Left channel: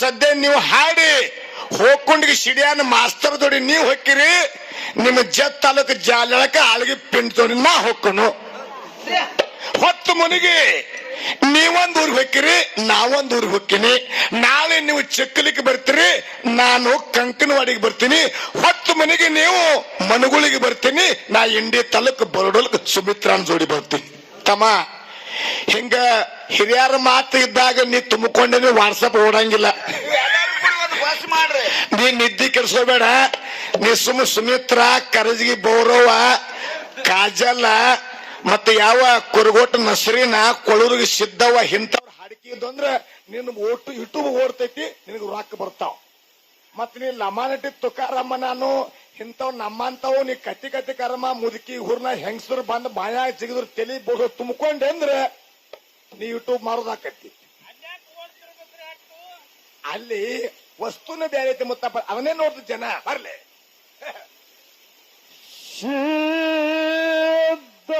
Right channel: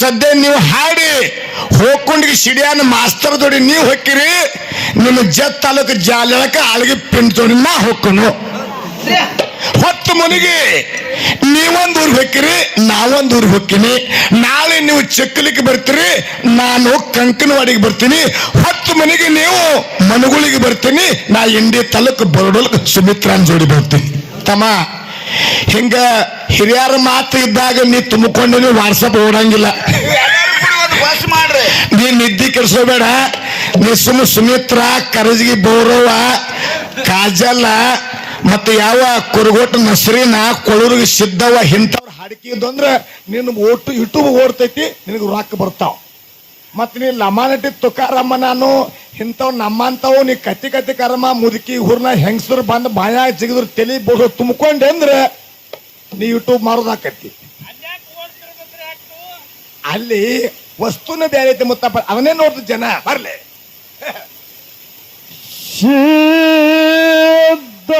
ಸದ್ಯ ನೀವು ಹಾಡಿ ಹೋಗ್ಕೊಂಡಿಗೆ ಸಿಡಿಯಾನ ಮಾಸ್ತರ್ ಜೋಡಿ ನೀವು ಹೊಕ್ಕಿರಿ, ನಿಮ್ಮ ಜತ್ ತಾಲೂಕು ಜಾಲಕ ಆಳ್ಗೆ ಪಿಂಡ್ ಜೋಡಿ ನಾ ಹೊಕ್ಕನು. ಹೊತ್ತು ಮುನಿಗೆ, ನೀವೊಂದು ಊರಿಗೆ ಹೊಕ್ಕಿರಿ, ನಾವೊಂದು ಊರಿಗೆ ಹೊಕ್ಕಿನಿ. ನಾಳೆ ನೀವು ಚಕ್ಕಲಿಗೆ ಬರ್ತೀರಿ, ನಾನು ಕಂಕನವಾಡಿಗೆ ಬರ್ತೀನಿ. ಹೊತ್ತು ಮನೆಗೆ ನೀವು ಮನುಗುಳಿಗೆ ಬರ್ತೀನಿ, ನಾ ಇಂಡಿ ತಾಲೂಕು ಬರಡೋಲ್ಕ ಸುಮಿತ್ರಾನ್ ಜೋಡಿ ಬರ್ತೀನಿ. ತಮ್ಮ ಹಿಂಗ ಹಿರಿಯರ ಮಾತು ಇದ್ದಾಗ ನೀ ತುಂಬಿಕೊಂಡು ವಾಟ್ಸಪ್ ಓಡಂಗಿಲ್ಲ. ನೀ ನಿದ್ದೆ ಕೆಡಿಸೋಬೇಡ ನೀ ಸುಮ್ ಸುಮಿತ್ರ, ಕರಜ್ಗಿ ಬೌರವ ಕಾಜಲ್ಲ ಮತ್ತೆ ಯಾವ ಕುರುಗೋಟ, ನಸರಿನ, ಕೊಳೂರಿಗೆ ಸಿದ್ದವ ಇಂಥವ್ರು ಹಾಡಿಕೆ ಅಂದ್ರೆ ನಿನ್ನ ಒಟ್ಟು ಯೂಟ್ಯೂಬ್ ಓಡ್ತೈತಿ, ನಿನಗೆ ರೊಕ್ಕ ಬರ್ತಾವ. ಮತ್ ನೀ ಲಮಾನಟಿ ತುಕಾರಮ್ಮ ನಾನು ಇಂಥವ್ ನಮ್ಮಂತವು ನೀ ಕತ್ತಿ ಕತ್ತಿ ಕರಮ ಮುದುಕಿ ಹುರ್ನ ಹೆಂಗಸರು ಬಂದು ಬಾಯ ಜಿಗಿದ್ರು ತಲೆ ಬೋಡು ತುಂಬಿಕೊಂಡೆ ಅಂದ್ರೆ ನೀ ಯೂಟ್ಯೂಬ್ ಮಾರೋದಾಕತ್ತಿ. ಅಲ್ಲಿ ವಸ್ತುನ ಬೇರೆ ಐತೆ ಮುತ್ತಪ್ಪ ಅವನೇ ನೋಡ್ದು ಜನ ಬರ್ಲಿ.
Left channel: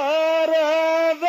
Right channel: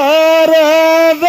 ಸಿದ್ಧರದ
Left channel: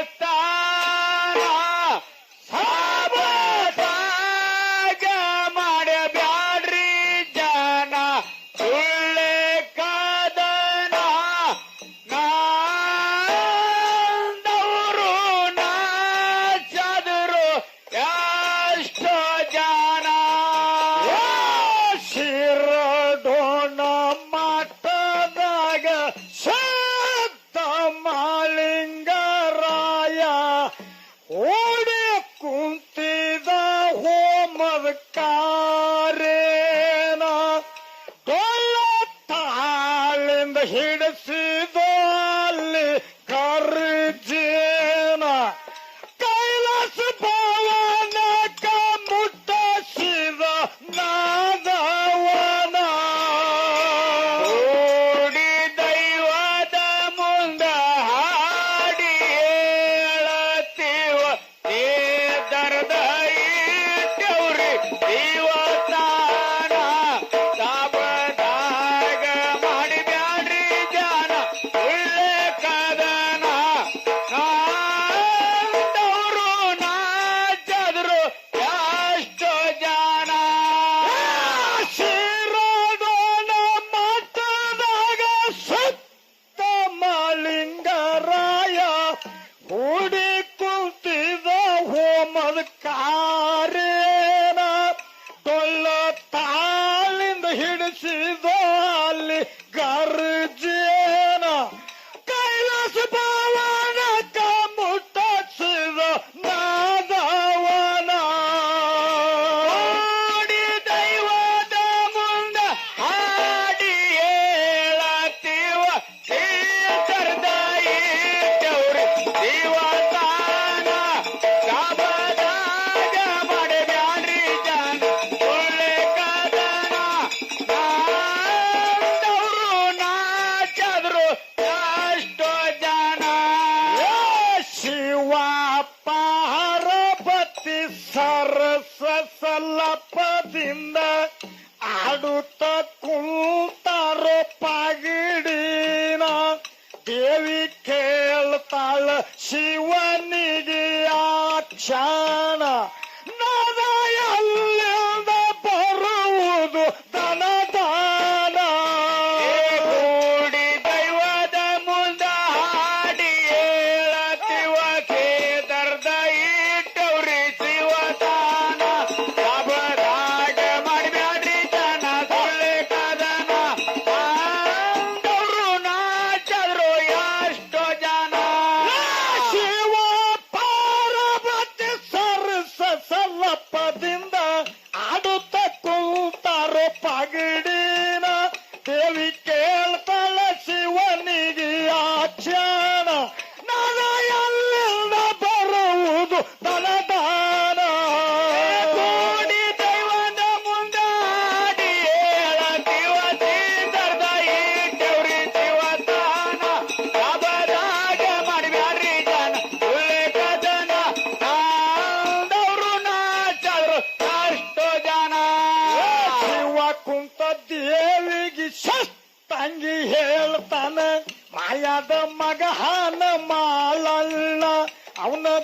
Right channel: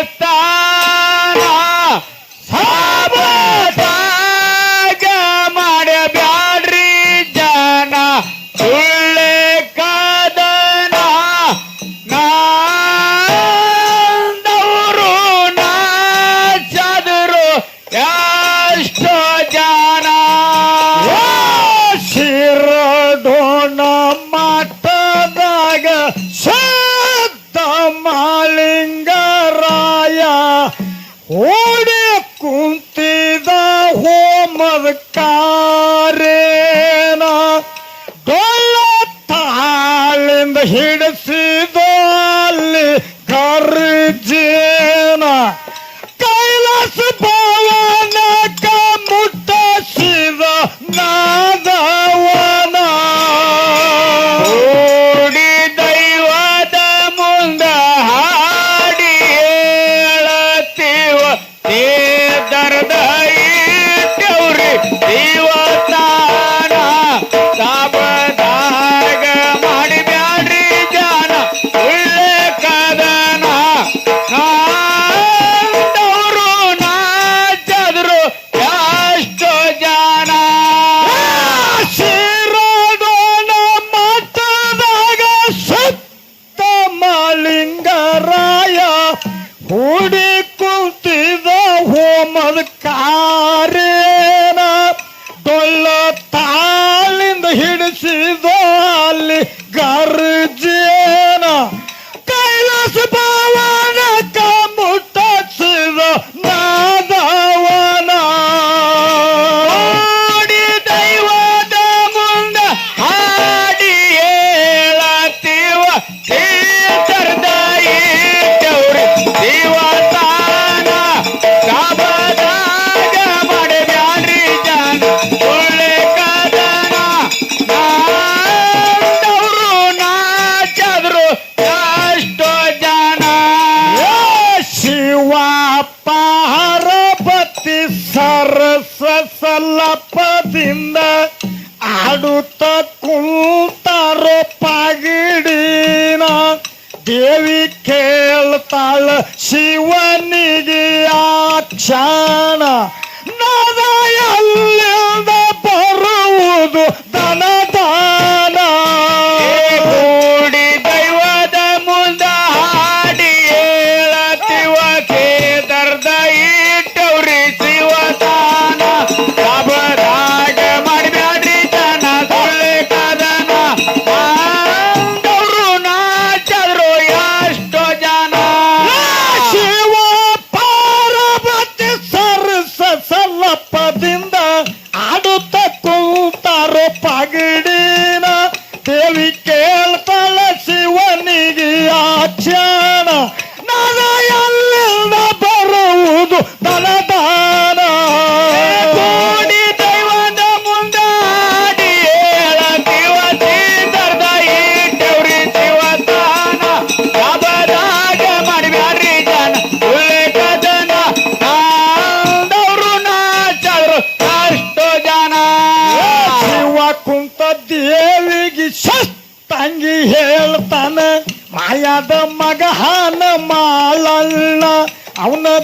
life that Watch! சிந்த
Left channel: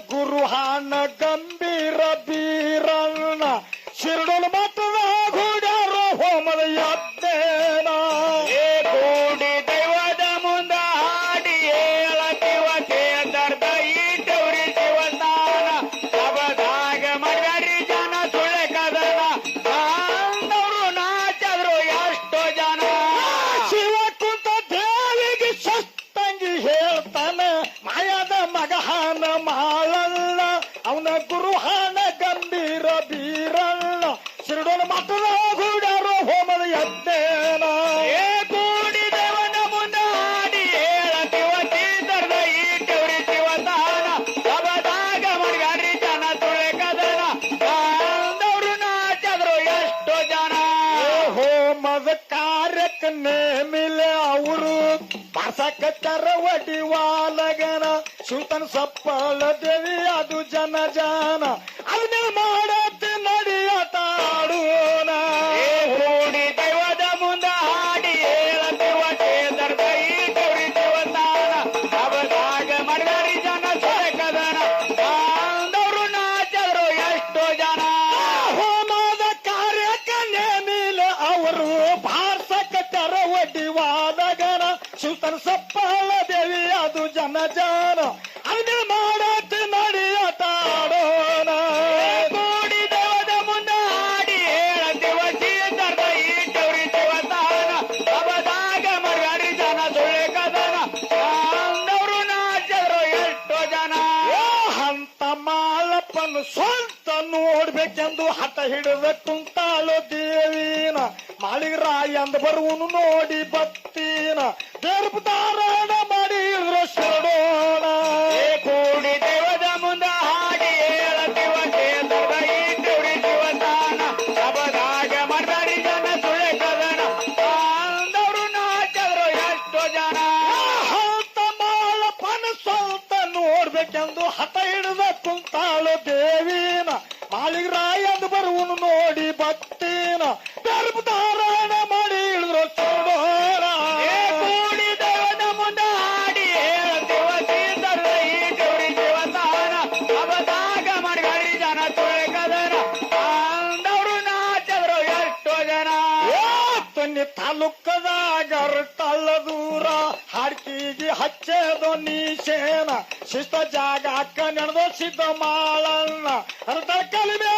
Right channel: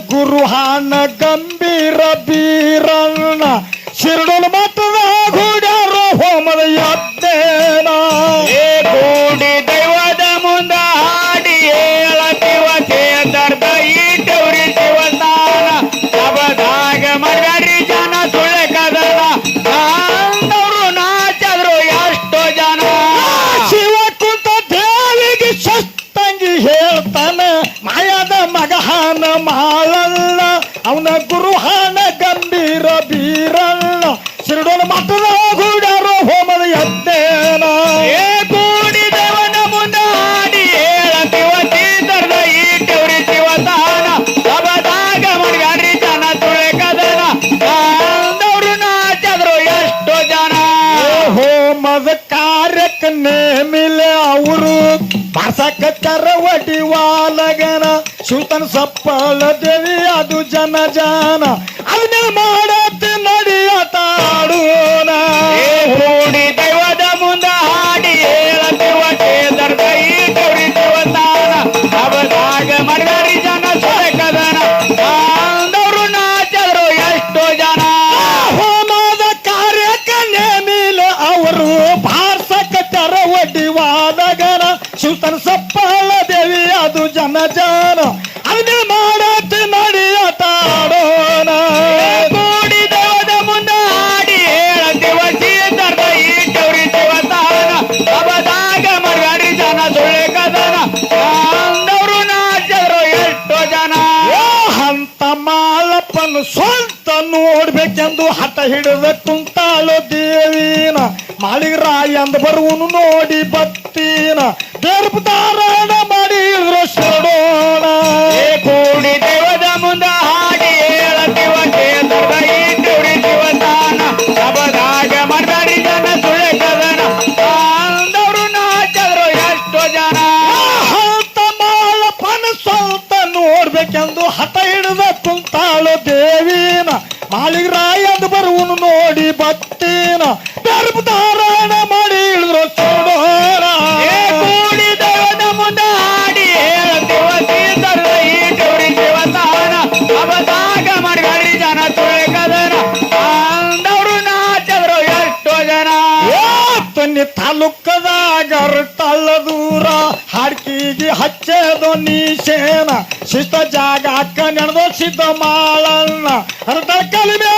guru han ಸಕಟರ ಒಡಿವಾಲಗನ ಸುತನ ಸಪ್ಪಳ ದೇವಿ ಅದು ಜನ ಜಾನ. ಅದನ್ನ ಮಾಡ ಹಿಡಿದ ಕುಂತಾಳ ದೇವಿನ. ಮಾಳಿಗರಾಯ ಅಂದ ಬರುವನು ನೋಡಿ ಬ ಮೊನ್ನೆ ತಾಲೂಕದಾಗ ತಳ್ಳದೂರ ಹಾಡ್ಕಿಗೆ ಹಚ್ಚೇದು ನೀ ಸೇನ. ಶಿಷ್ಟ ಜಾಗ ಅಕ್ಕ ನಡೆದೋ ಸಿದ್ಧ ಮಾಳಣ್ಣ ಅರ್ಧ ಕಲಿಮೆ